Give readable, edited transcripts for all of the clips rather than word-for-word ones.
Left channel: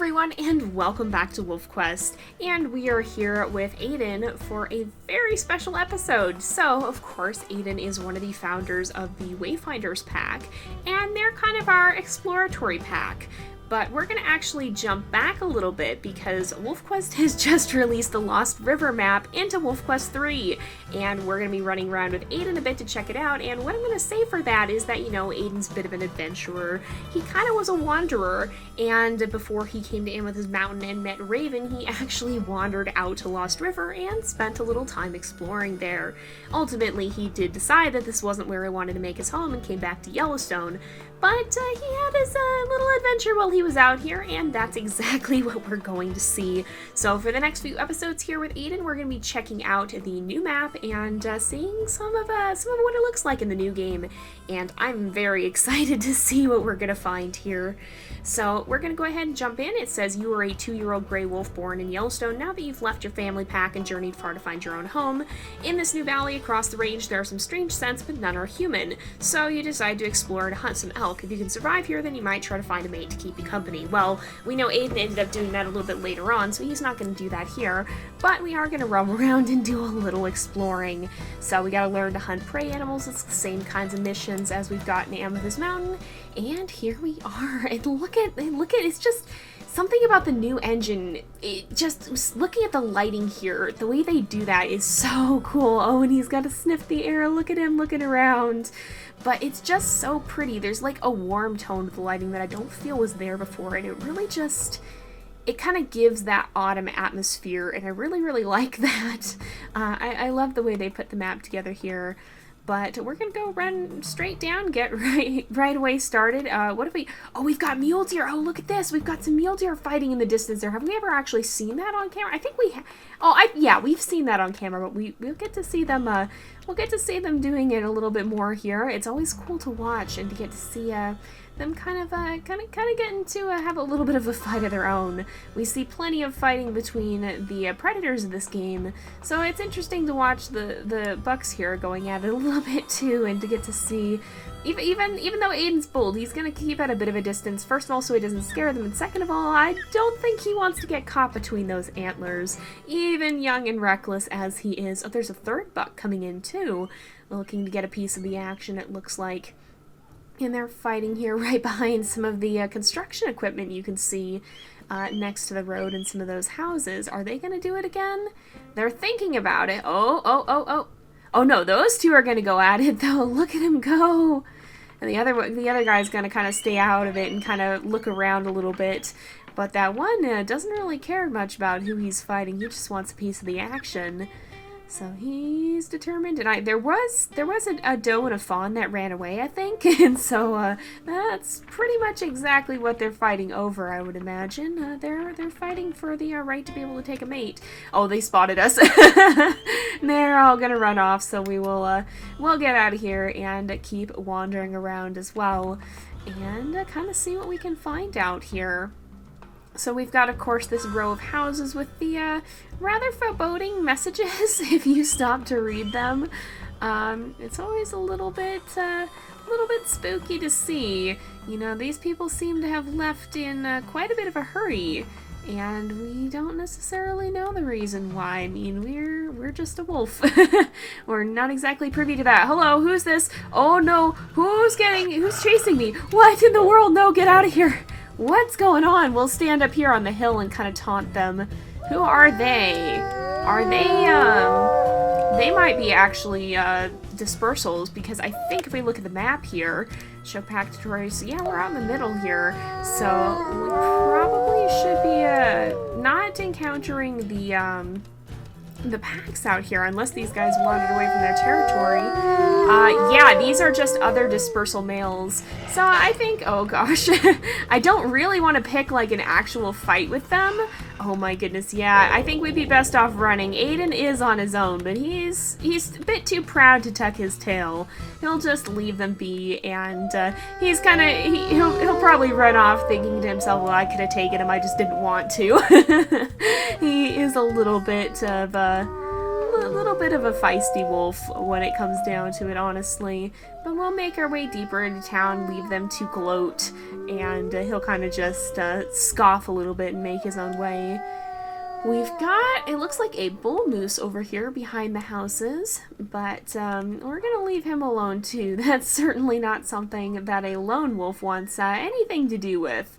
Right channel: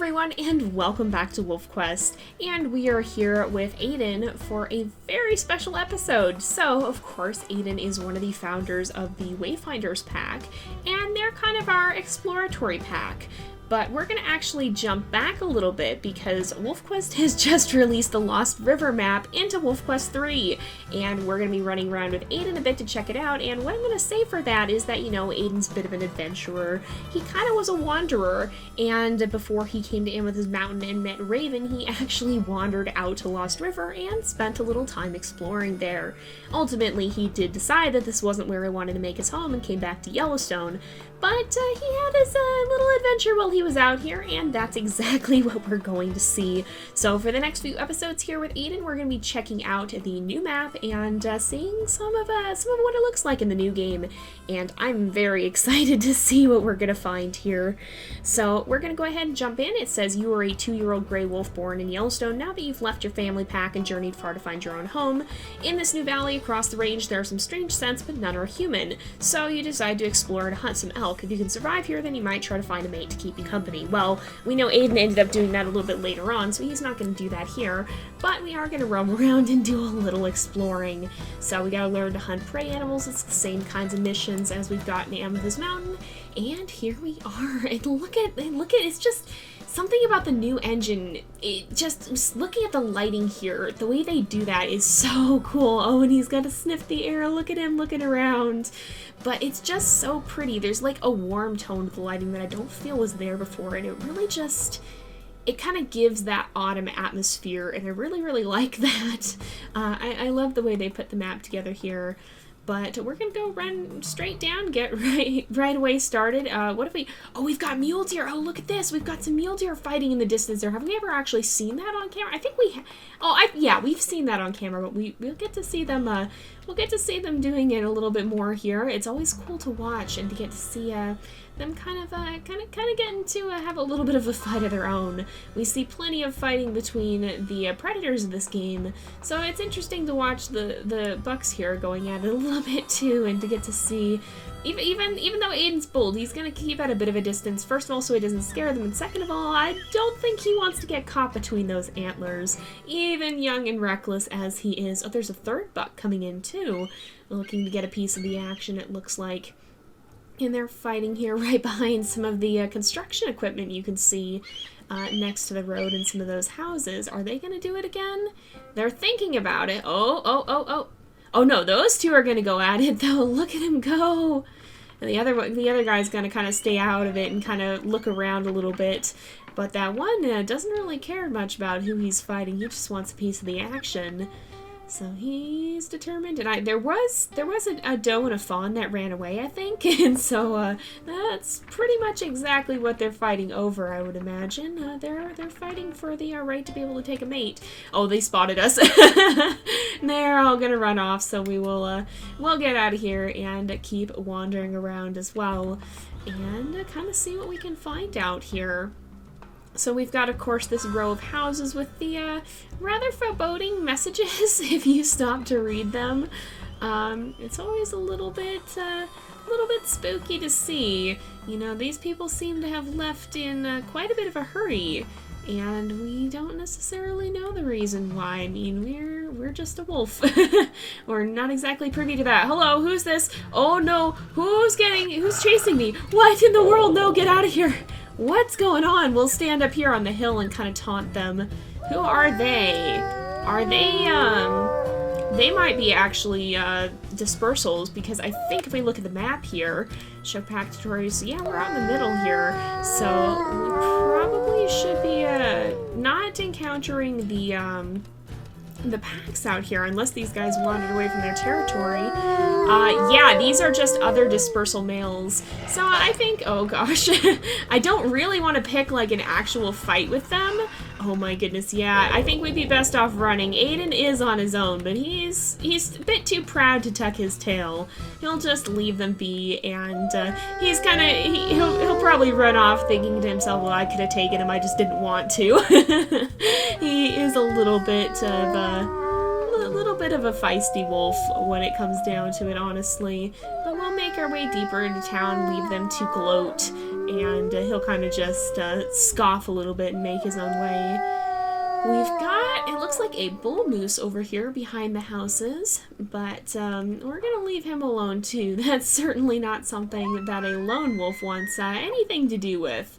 everyone, and welcome back to WolfQuest, and we are here with Aden for a very special episode. So, of course, Aden is one of the founders of the Wayfinders pack, and they're kind of our exploratory pack. But we're going to actually jump back a little bit because WolfQuest has just released the Lost River map into WolfQuest 3, and we're going to be running around with Aden a bit to check it out. And what I'm going to say for that is that, you know, Aden's a bit of an adventurer. He kind of was a wanderer, and before he came to Amethyst Mountain and met Raven, he actually wandered out to Lost River and spent a little time exploring there. Ultimately, he did decide that this wasn't where he wanted to make his home and came back to Yellowstone. But he had his little adventure while he was out here, and that's exactly what we're going to see. So for the next few episodes here with Aden, we're going to be checking out the new map and seeing some of what it looks like in the new game. And I'm very excited to see what we're going to find here. So we're going to go ahead and jump in. It says you are a 2-year-old gray wolf born in Yellowstone. Now that you've left your family pack and journeyed far to find your own home, in this new valley across the range there are some strange scents, but none are human. So you decide to explore and hunt some elk. If you can survive here, then you might try to find a mate to keep you company. Well, we know Aden ended up doing that a little bit later on, so he's not going to do that here, but we are going to roam around and do a little exploring. So we got to learn to hunt prey animals. It's the same kinds of missions as we've got in Amethyst Mountain, and here we are. And look at it's just something about the new engine. It just looking at the lighting here, the way they do that is so cool. Oh, and he's got to sniff the air. Look at him looking around. But it's just so pretty. There's like a warm tone to the lighting that I don't feel was there before, and it really just, it kind of gives that autumn atmosphere, and I really, really like that. I love the way they put the map together here. But we're gonna go run straight down, get right away started. What have we? Oh, we've got mule deer. Oh, look at this. We've got some mule deer fighting in the distance there. Have we ever actually seen that on camera? I think we have. Oh, yeah, we've seen that on camera, but we'll get to see them. We'll get to see them doing it a little bit more here. It's always cool to watch and to get to see them kind of getting to have a little bit of a fight of their own. We see plenty of fighting between the predators of this game, so it's interesting to watch the bucks here going at it a little bit too, and to get to see, even though Aden's bold, he's gonna keep at a bit of a distance. First of all, so he doesn't scare them, and second of all, I don't think he wants to get caught between those antlers, even young and reckless as he is. Oh, there's a third buck coming in too, looking to get a piece of the action, it looks like. And they're fighting here right behind some of the construction equipment you can see next to the road and some of those houses. Are they going to do it again? They're thinking about it. Oh no, those two are going to go at it though. Look at him go. And the other guy's going to kind of stay out of it and kind of look around a little bit. But that one doesn't really care much about who he's fighting. He just wants a piece of the action. So he's determined, and there was a doe and a fawn that ran away, I think, and so that's pretty much exactly what they're fighting over, I would imagine. They're fighting for the right to be able to take a mate. Oh, they spotted us. They're all gonna run off, so we'll get out of here and keep wandering around as well, and kind of see what we can find out here. So we've got, of course, this row of houses with the rather foreboding messages if you stop to read them. It's always a little bit spooky to see. You know, these people seem to have left in quite a bit of a hurry, and we don't necessarily know the reason why. I mean, we're just a wolf. We're not exactly privy to that. Hello, who's this? Oh no, who's chasing me? What in the world? No, get out of here. What's going on? We'll stand up here on the hill and kind of taunt them. Who are they? Are they might be actually dispersals, because I think if we look at the map here, show pack tutorials, yeah, we're out in the middle here, so we probably should be not encountering the packs out here, unless these guys wandered away from their territory. Yeah, these are just other dispersal males. So I think, oh gosh, I don't really want to pick like an actual fight with them. Oh my goodness, yeah, I think we'd be best off running. Aden is on his own, but he's a bit too proud to tuck his tail. He'll just leave them be, and he's kind of, he'll probably run off thinking to himself, well, I could have taken him, I just didn't want to. He is a little bit bit of a feisty wolf when it comes down to it, honestly. But we'll make our way deeper into town, leave them to gloat, and he'll kind of just scoff a little bit and make his own way. We've got, it looks like a bull moose over here behind the houses, but we're going to leave him alone too. That's certainly not something that a lone wolf wants anything to do with.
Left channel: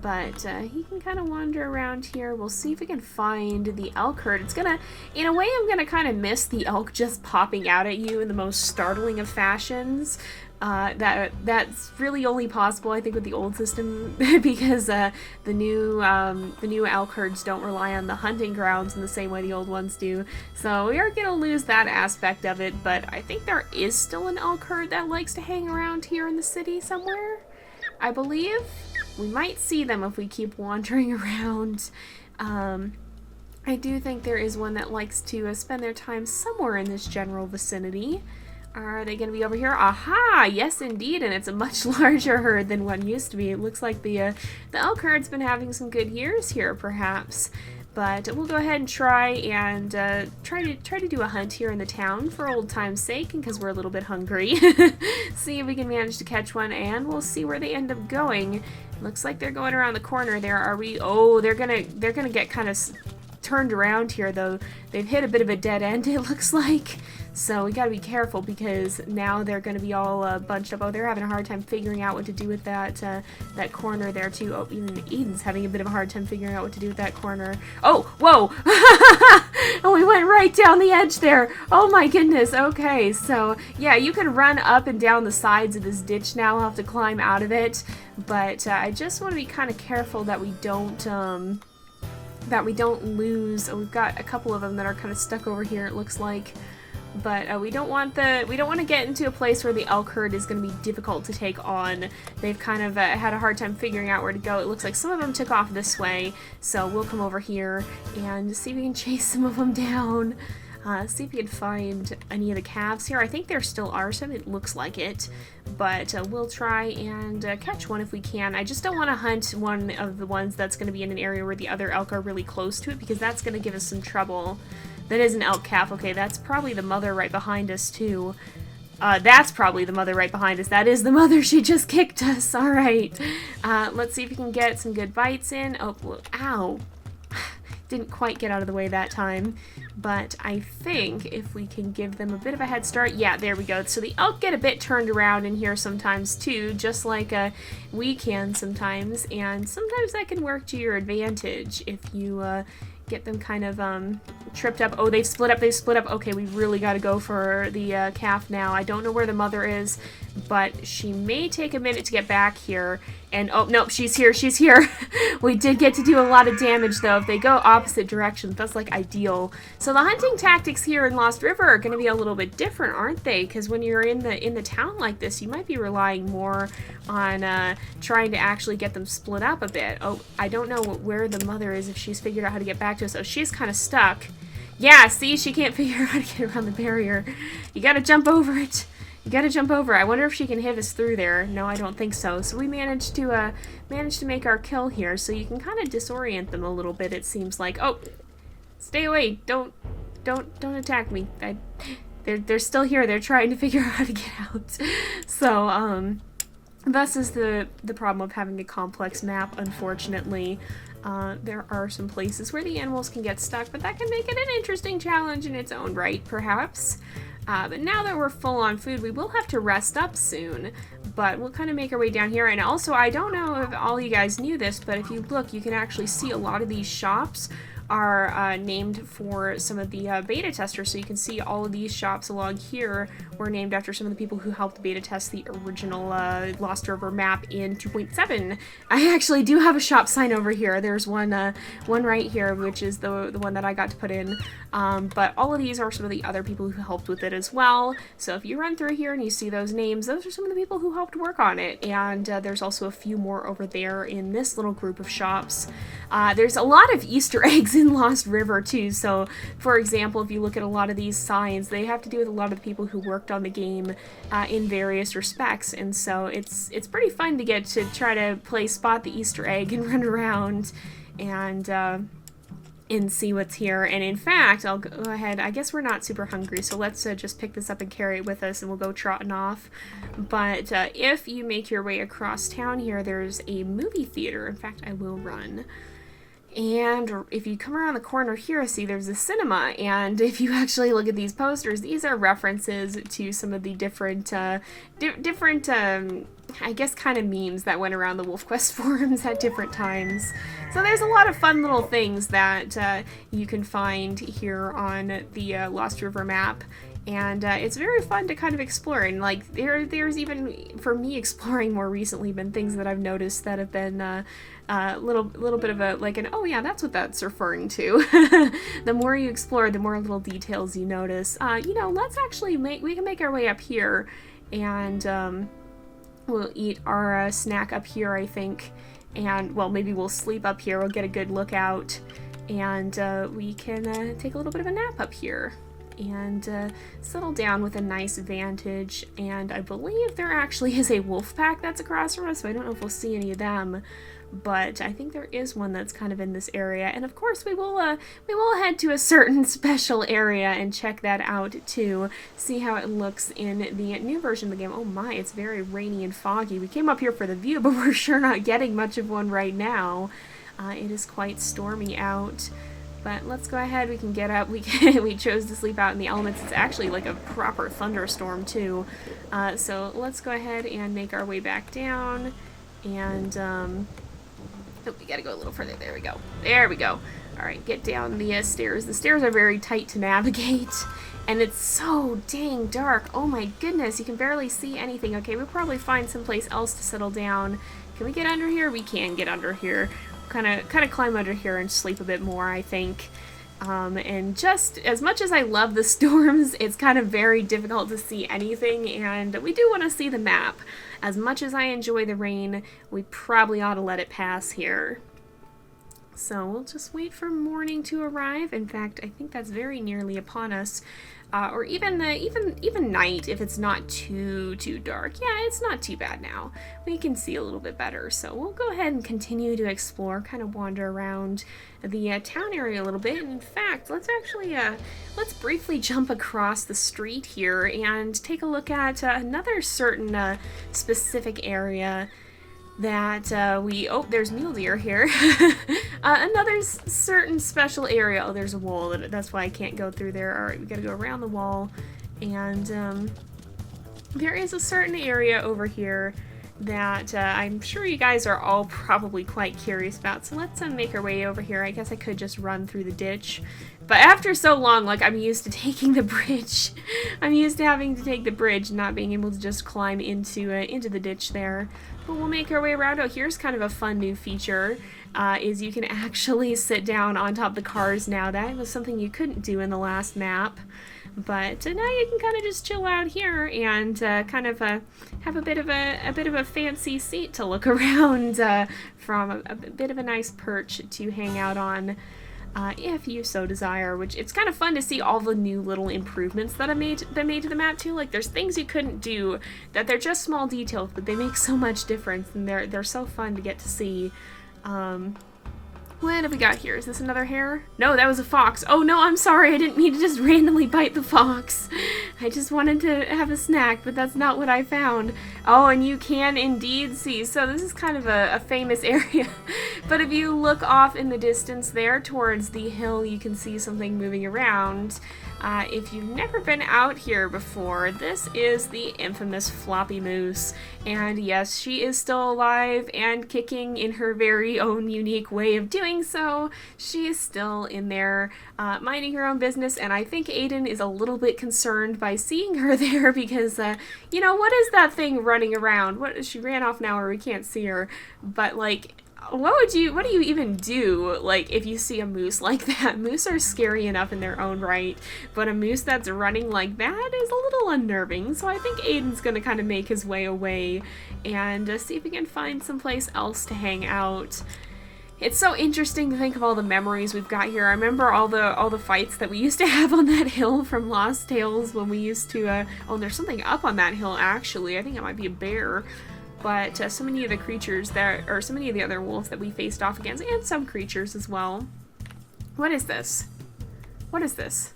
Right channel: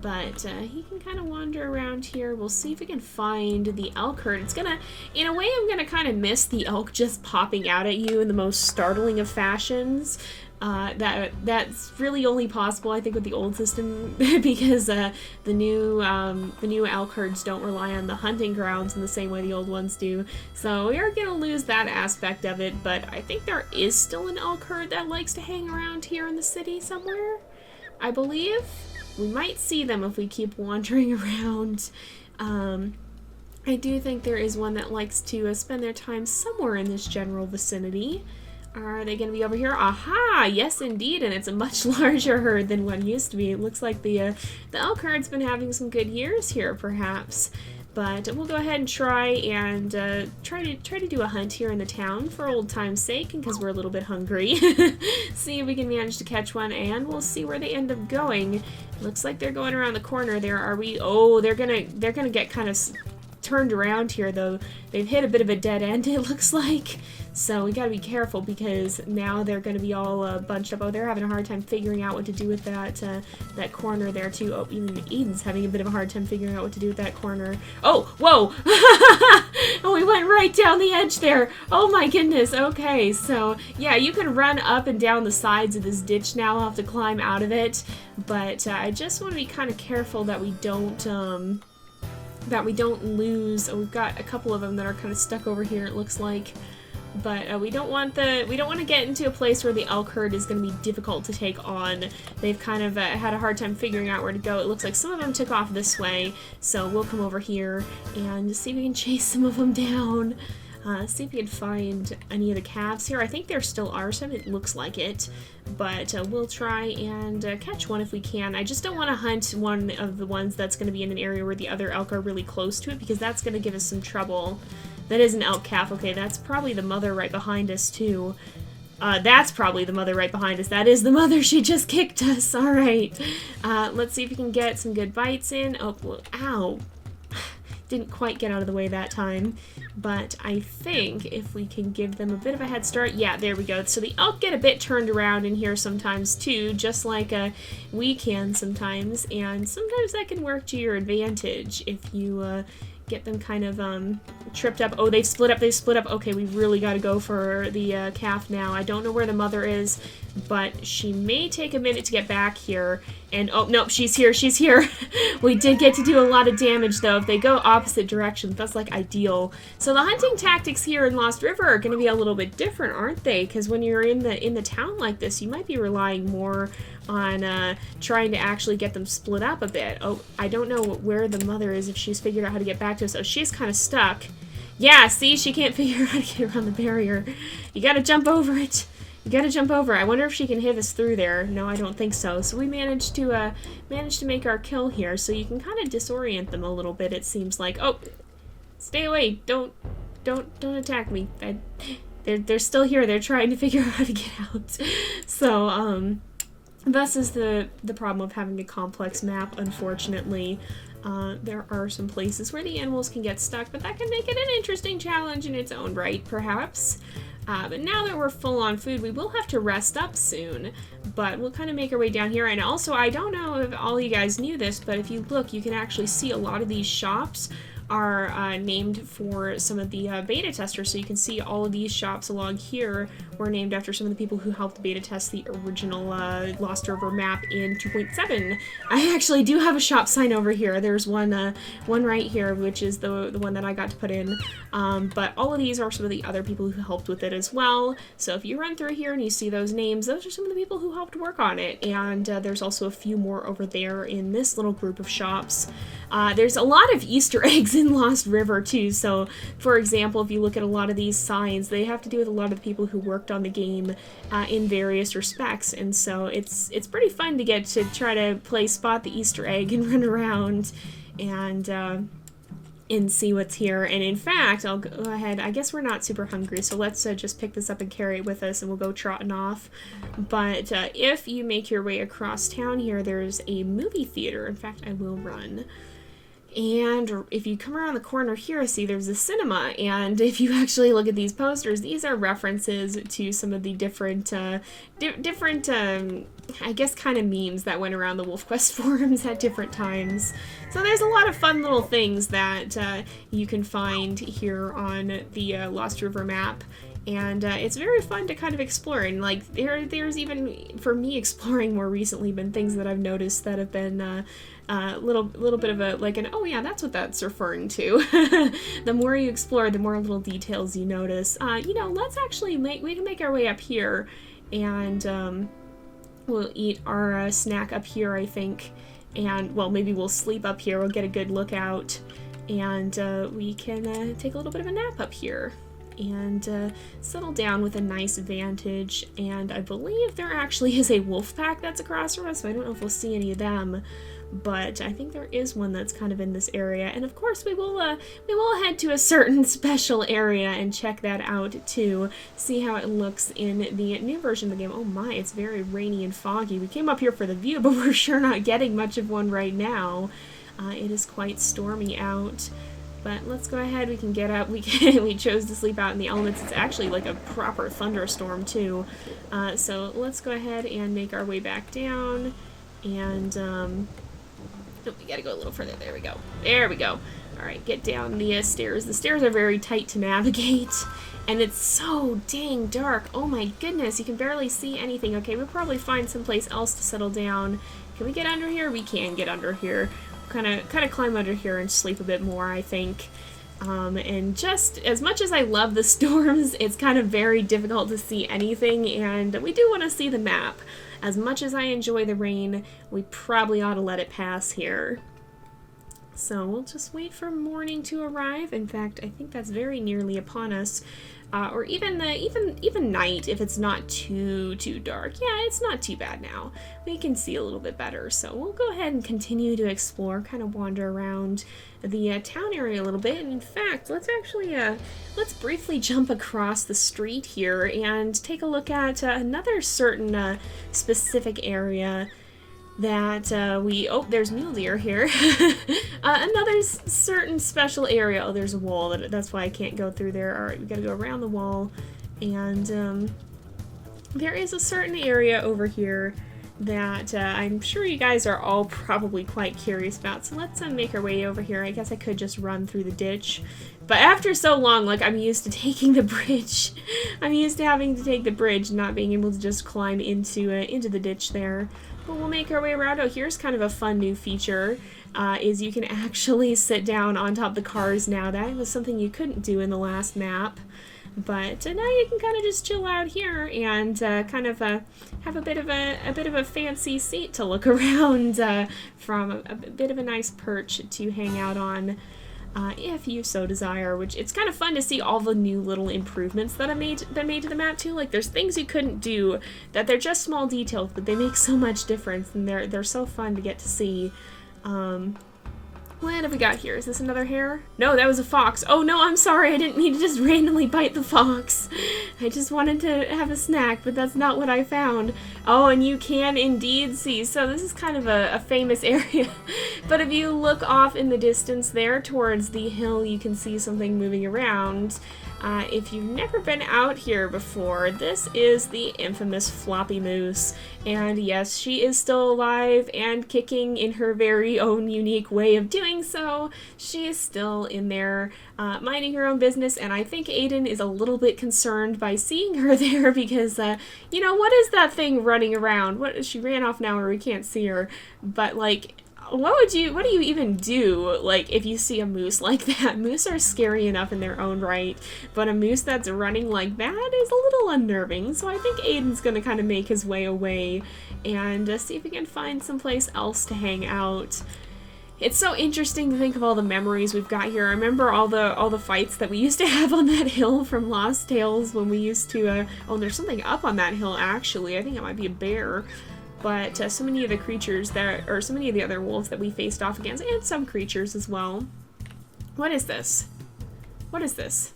But he can kind of wander around here. We'll see if we can find the elk herd. It's gonna, in a way, I'm gonna kind of miss the elk just popping out at you in the most startling of fashions. That's really only possible, I think, with the old system because the new elk herds don't rely on the hunting grounds in the same way the old ones do. So we are gonna lose that aspect of it. But I think there is still an elk herd that likes to hang around here in the city somewhere, I believe. We might see them if we keep wandering around. I do think there is one that likes to spend their time somewhere in this general vicinity. Are they going to be over here? Aha! Yes, indeed, and it's a much larger herd than one used to be. It looks like the elk herd's been having some good years here, perhaps. But we'll go ahead and try to do a hunt here in the town for old time's sake, and because we're a little bit hungry. See if we can manage to catch one, and we'll see where they end up going. Looks like they're going around the corner there. Are we? Oh, they're gonna get kind of turned around here, though. They've hit a bit of a dead end, it looks like. So we gotta be careful because now they're gonna be all bunched up. Oh, they're having a hard time figuring out what to do with that corner there too. Oh, even Eden's having a bit of a hard time figuring out what to do with that corner. Oh, whoa! Oh, we went right down the edge there. Oh my goodness. Okay, so yeah, you can run up and down the sides of this ditch now. I'll have to climb out of it, but I just want to be kind of careful that we don't lose. Oh, we've got a couple of them that are kind of stuck over here, it looks like. But we don't want to get into a place where the elk herd is going to be difficult to take on. They've kind of had a hard time figuring out where to go. It looks like some of them took off this way, so we'll come over here and see if we can chase some of them down. See if we can find any of the calves here. I think there still are some. It looks like it, but we'll try and catch one if we can. I just don't want to hunt one of the ones that's going to be in an area where the other elk are really close to it, because that's going to give us some trouble. That is an elk calf. Okay, that's probably the mother right behind us, too. That's probably the mother right behind us. That is the mother. She just kicked us. All right. Let's see if we can get some good bites in. Oh, ow. Didn't quite get out of the way that time. But I think if we can give them a bit of a head start. Yeah, there we go. So the elk get a bit turned around in here sometimes, too, just like we can sometimes. And sometimes that can work to your advantage if you get them kind of tripped up. Oh, they've split up. Okay, we really got to go for the calf now. I don't know where the mother is, but she may take a minute to get back here. And oh, no, she's here. We did get to do a lot of damage, though. If they go opposite directions, that's like ideal. So the hunting tactics here in Lost River are going to be a little bit different, aren't they? Because when you're in the town like this, you might be relying more on trying to actually get them split up a bit. Oh, I don't know where the mother is, if she's figured out how to get back to us. Oh, she's kind of stuck. Yeah, see, she can't figure out how to get around the barrier. You got to jump over it. I wonder if she can hit us through there. No, I don't think so. So we managed to make our kill here. So you can kind of disorient them a little bit, it seems like. Oh, stay away! Don't attack me. They're still here. They're trying to figure out how to get out. So thus is the problem of having a complex map. Unfortunately, there are some places where the animals can get stuck, but that can make it an interesting challenge in its own right, perhaps. But now that we're full on food, we will have to rest up soon, but we'll kind of make our way down here. And also, I don't know if all you guys knew this, but if you look, you can actually see a lot of these shops are named for some of the beta testers. So you can see all of these shops along here were named after some of the people who helped beta test the original Lost River map in 2.7. I actually do have a shop sign over here. There's one right here, which is the one that I got to put in. But all of these are some of the other people who helped with it as well. So if you run through here and you see those names, those are some of the people who helped work on it. And there's also a few more over there in this little group of shops. There's a lot of Easter eggs in Lost River too. So for example, if you look at a lot of these signs, they have to do with a lot of the people who worked on the game in various respects. And so it's pretty fun to get to try to spot the Easter egg and run around and and see what's here. And in fact, I'll go ahead, I guess we're not super hungry, so let's just pick this up and carry it with us, and we'll go trotting off. But if you make your way across town here, there's a movie theater. In fact, I will run. And if you come around the corner here, see there's a cinema, and if you actually look at these posters, these are references to some of the different, I guess, kind of memes that went around the WolfQuest forums at different times. So there's a lot of fun little things that you can find here on the Lost River map. And it's very fun to kind of explore, and like there's even, for me, exploring more recently, been things that I've noticed that have been little bit of a, like an, oh yeah, that's what that's referring to. The more you explore, the more little details you notice. You know, let's actually we can make our way up here, and we'll eat our snack up here, I think, and well, maybe we'll sleep up here, we'll get a good look out, and we can take a little bit of a nap up here and settle down with a nice vantage. And I believe there actually is a wolf pack that's across from us, so I don't know if we'll see any of them, but I think there is one that's kind of in this area. And of course we will head to a certain special area and check that out too, see how it looks in the new version of the game. Oh my, it's very rainy and foggy. We came up here for the view, but we're sure not getting much of one right now. It is quite stormy out. But let's go ahead, we can get up, we chose to sleep out in the elements. It's actually like a proper thunderstorm too. So let's go ahead and make our way back down, and oh, we gotta go a little further, there we go. There we go. Alright, get down the stairs. The stairs are very tight to navigate, and it's so dang dark. Oh my goodness, you can barely see anything. Okay, we'll probably find someplace else to settle down. Can we get under here? We can get under here. Kind of climb under here and sleep a bit more, I think. And just as much as I love the storms, it's kind of very difficult to see anything, and we do want to see the map. As much as I enjoy the rain, we probably ought to let it pass here. So we'll just wait for morning to arrive. In fact, I think that's very nearly upon us. Or even night, if it's not too dark. Yeah, it's not too bad now. We can see a little bit better. So we'll go ahead and continue to explore, kind of wander around the town area a little bit. And in fact, let's actually let's briefly jump across the street here and take a look at another certain specific area that oh, there's mule deer here. Another certain special area. Oh, there's a wall. That's why I can't go through there. Alright, we gotta go around the wall. And there is a certain area over here that I'm sure you guys are all probably quite curious about. So let's make our way over here. I guess I could just run through the ditch. But after so long, like, I'm used to taking the bridge. I'm used to having to take the bridge, not being able to just climb into the ditch there. But we'll make our way around. Oh, here's kind of a fun new feature, is you can actually sit down on top of the cars now. That was something you couldn't do in the last map. But now you can kind of just chill out here and kind of have a bit of a fancy seat to look around from, a bit of a nice perch to hang out on. If you so desire, which it's kind of fun to see all the new little improvements that made to the map too. Like, there's things you couldn't do that they're just small details, but they make so much difference, and they're so fun to get to see. What have we got here? Is this another hare? No, that was a fox. Oh no, I'm sorry, I didn't mean to just randomly bite the fox. I just wanted to have a snack, but that's not what I found. Oh, and you can indeed see. So this is kind of a famous area. But if you look off in the distance there towards the hill, you can see something moving around. If you've never been out here before, this is the infamous Floppy Moose. And yes, she is still alive and kicking in her very own unique way of doing so. She is still in there, minding her own business, and I think Aden is a little bit concerned by seeing her there because, you know, what is that thing running around? She ran off now or we can't see her, but like, what do you even do, like, if you see a moose like that? Moose are scary enough in their own right, but a moose that's running like that is a little unnerving, so I think Aden's gonna kind of make his way away and see if we can find someplace else to hang out. It's so interesting to think of all the memories we've got here. I remember all the fights that we used to have on that hill from Lost Tales when we used to, oh, there's something up on that hill actually. I think it might be a bear. But so many of the creatures so many of the other wolves that we faced off against, and some creatures as well, What is this? What is this?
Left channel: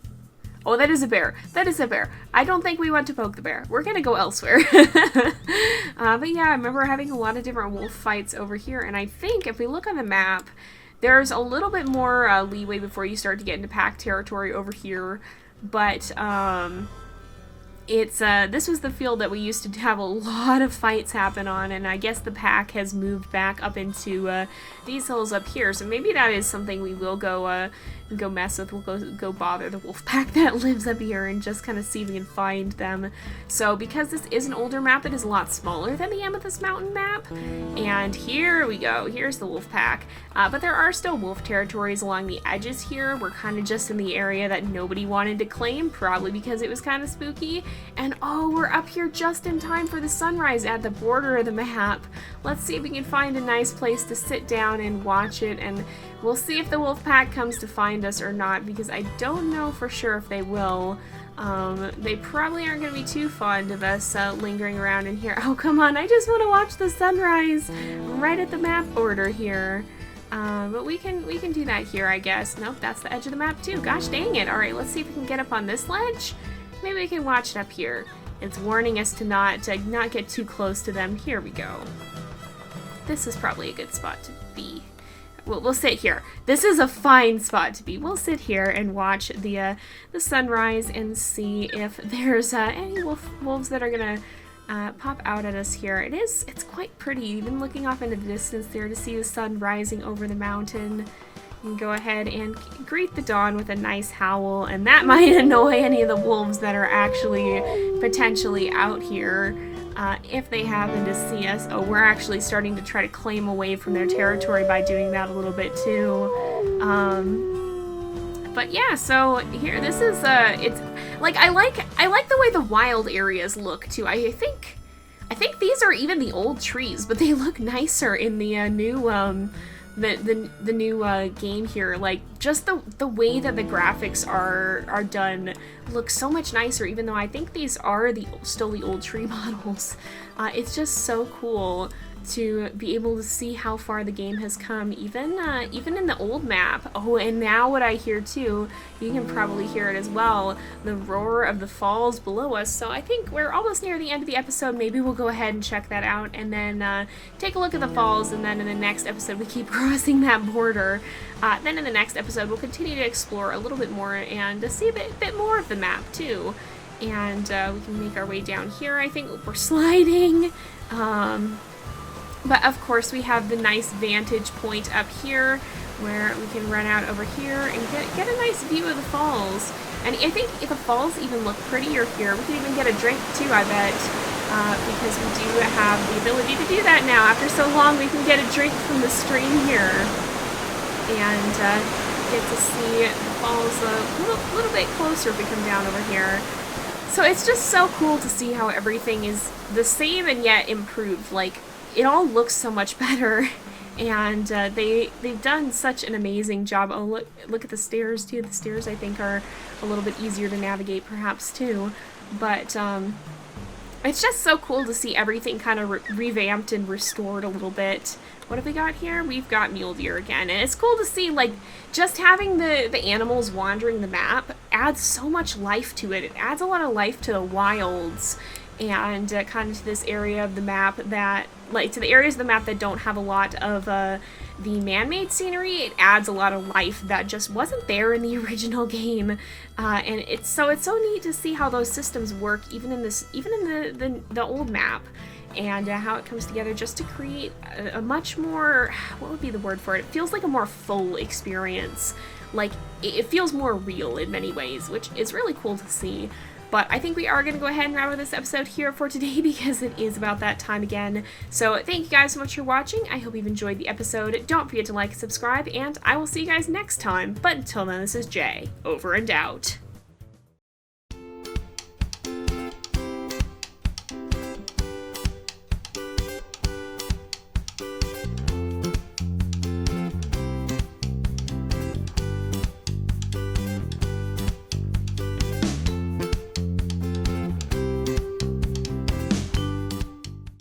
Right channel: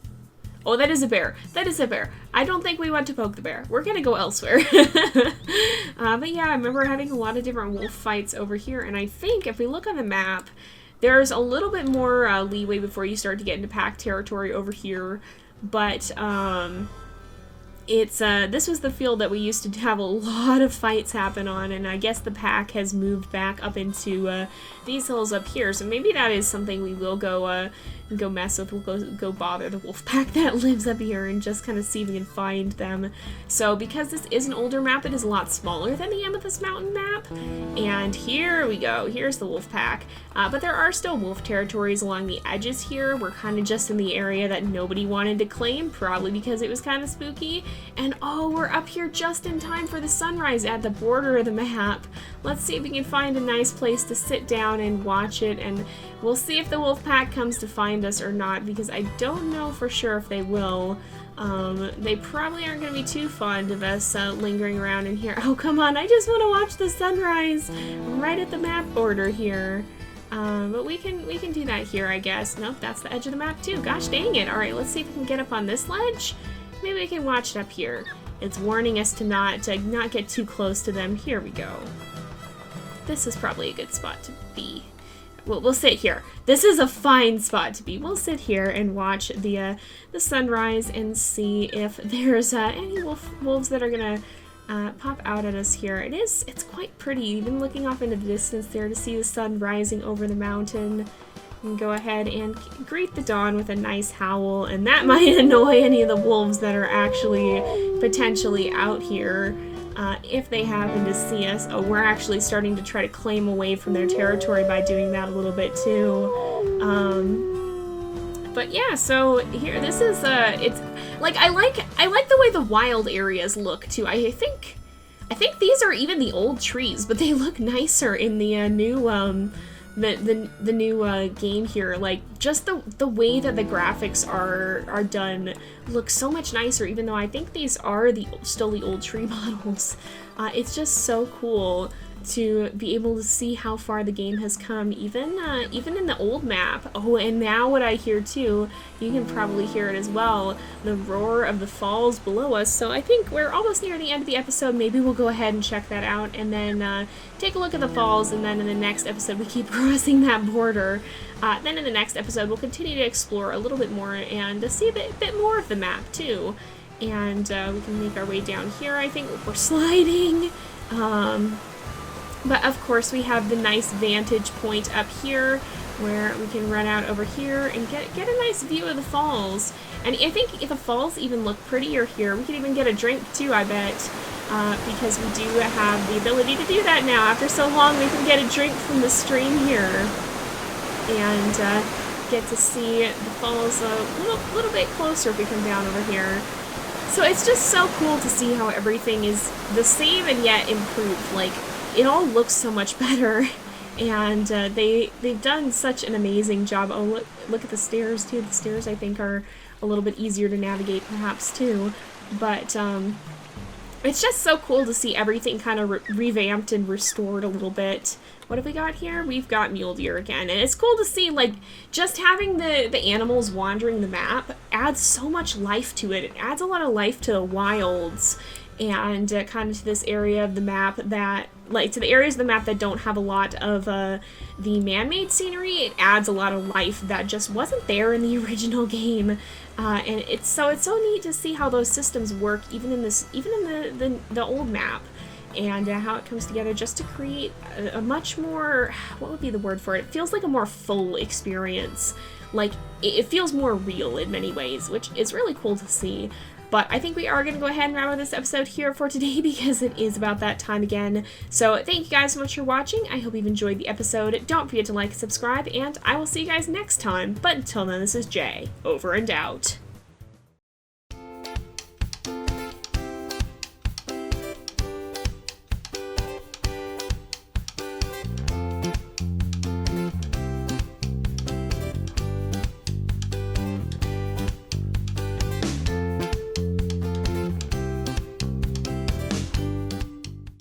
Oh, that is a bear. That is a bear. I don't think we want to poke the bear. We're gonna go elsewhere. But yeah, I remember having a lot of different wolf fights over here, and I think if we look on the map, there's a little bit more leeway before you start to get into pack territory over here. But it's this was the field that we used to have a lot of fights happen on, and I guess the pack has moved back up into these hills up here. So maybe that is something we will go mess with. We'll go bother the wolf pack that lives up here and just kind of see if we can find them. So because this is an older map, it is a lot smaller than the Amethyst Mountain map. And here we go. Here's the wolf pack. But there are still wolf territories along the edges here. We're kind of just in the area that nobody wanted to claim, probably because it was kind of spooky. And oh, we're up here just in time for the sunrise at the border of the map. Let's see if we can find a nice place to sit down and watch it, and we'll see if the wolf pack comes to find us or not, because I don't know for sure if they will. They probably aren't going to be too fond of us lingering around in here. Oh, come on, I just want to watch the sunrise right at the map border here. But we can do that here, I guess. Nope, that's the edge of the map too. Gosh dang it. Alright, let's see if we can get up on this ledge. Maybe we can watch it up here. It's warning us to not get too close to them. Here we go. This is probably a good spot to be. We'll sit here. This is a fine spot to be. We'll sit here and watch the sunrise and see if there's any wolves that are gonna pop out at us here. It's quite pretty, even looking off into the distance there to see the sun rising over the mountain. And go ahead and greet the dawn with a nice howl, and that might annoy any of the wolves that are actually potentially out here. If they happen to see us. Oh, we're actually starting to try to claim away from their territory by doing that a little bit too. But yeah, so here, this is, it's, like, I like the way the wild areas look too. I think these are even the old trees, but they look nicer in the new, the new game here. Like, just the way that the graphics are done looks so much nicer, even though I think these are still the old tree models. It's just so cool to be able to see how far the game has come, even in the old map. Oh, and now what I hear too, you can probably hear it as well, the roar of the falls below us. So I think we're almost near the end of the episode. Maybe we'll go ahead and check that out, and then take a look at the falls, and then in the next episode we keep crossing that border. Then in the next episode we'll continue to explore a little bit more and see a bit more of the map too. And we can make our way down here, I think, we're sliding. But of course we have the nice vantage point up here where we can run out over here and get a nice view of the falls. And I think if the falls even look prettier here, we can even get a drink too, I bet, because we do have the ability to do that now. After so long, we can get a drink from the stream here and get to see the falls a little bit closer if we come down over here. So it's just so cool to see how everything is the same and yet improved. Like, it all looks so much better, and they've done such an amazing job. Oh, look at the stairs too. The stairs, I think, are a little bit easier to navigate perhaps too, but it's just so cool to see everything kind of revamped and restored a little bit. What have we got here? We've got mule deer again, and it's cool to see, like, just having the animals wandering the map adds so much life to it. It adds a lot of life to the wilds, and kind of to this area of the map that, like, to the areas of the map that don't have a lot of the man-made scenery. It adds a lot of life that just wasn't there in the original game, and it's so neat to see how those systems work, even in the old map, and how it comes together just to create a much more, what would be the word for it? It feels like a more full experience. Like, it feels more real in many ways, which is really cool to see. But I think we are going to go ahead and wrap up this episode here for today, because it is about that time again. So thank you guys so much for watching. I hope you've enjoyed the episode. Don't forget to like and subscribe, and I will see you guys next time. But until then, this is Jay, over and out.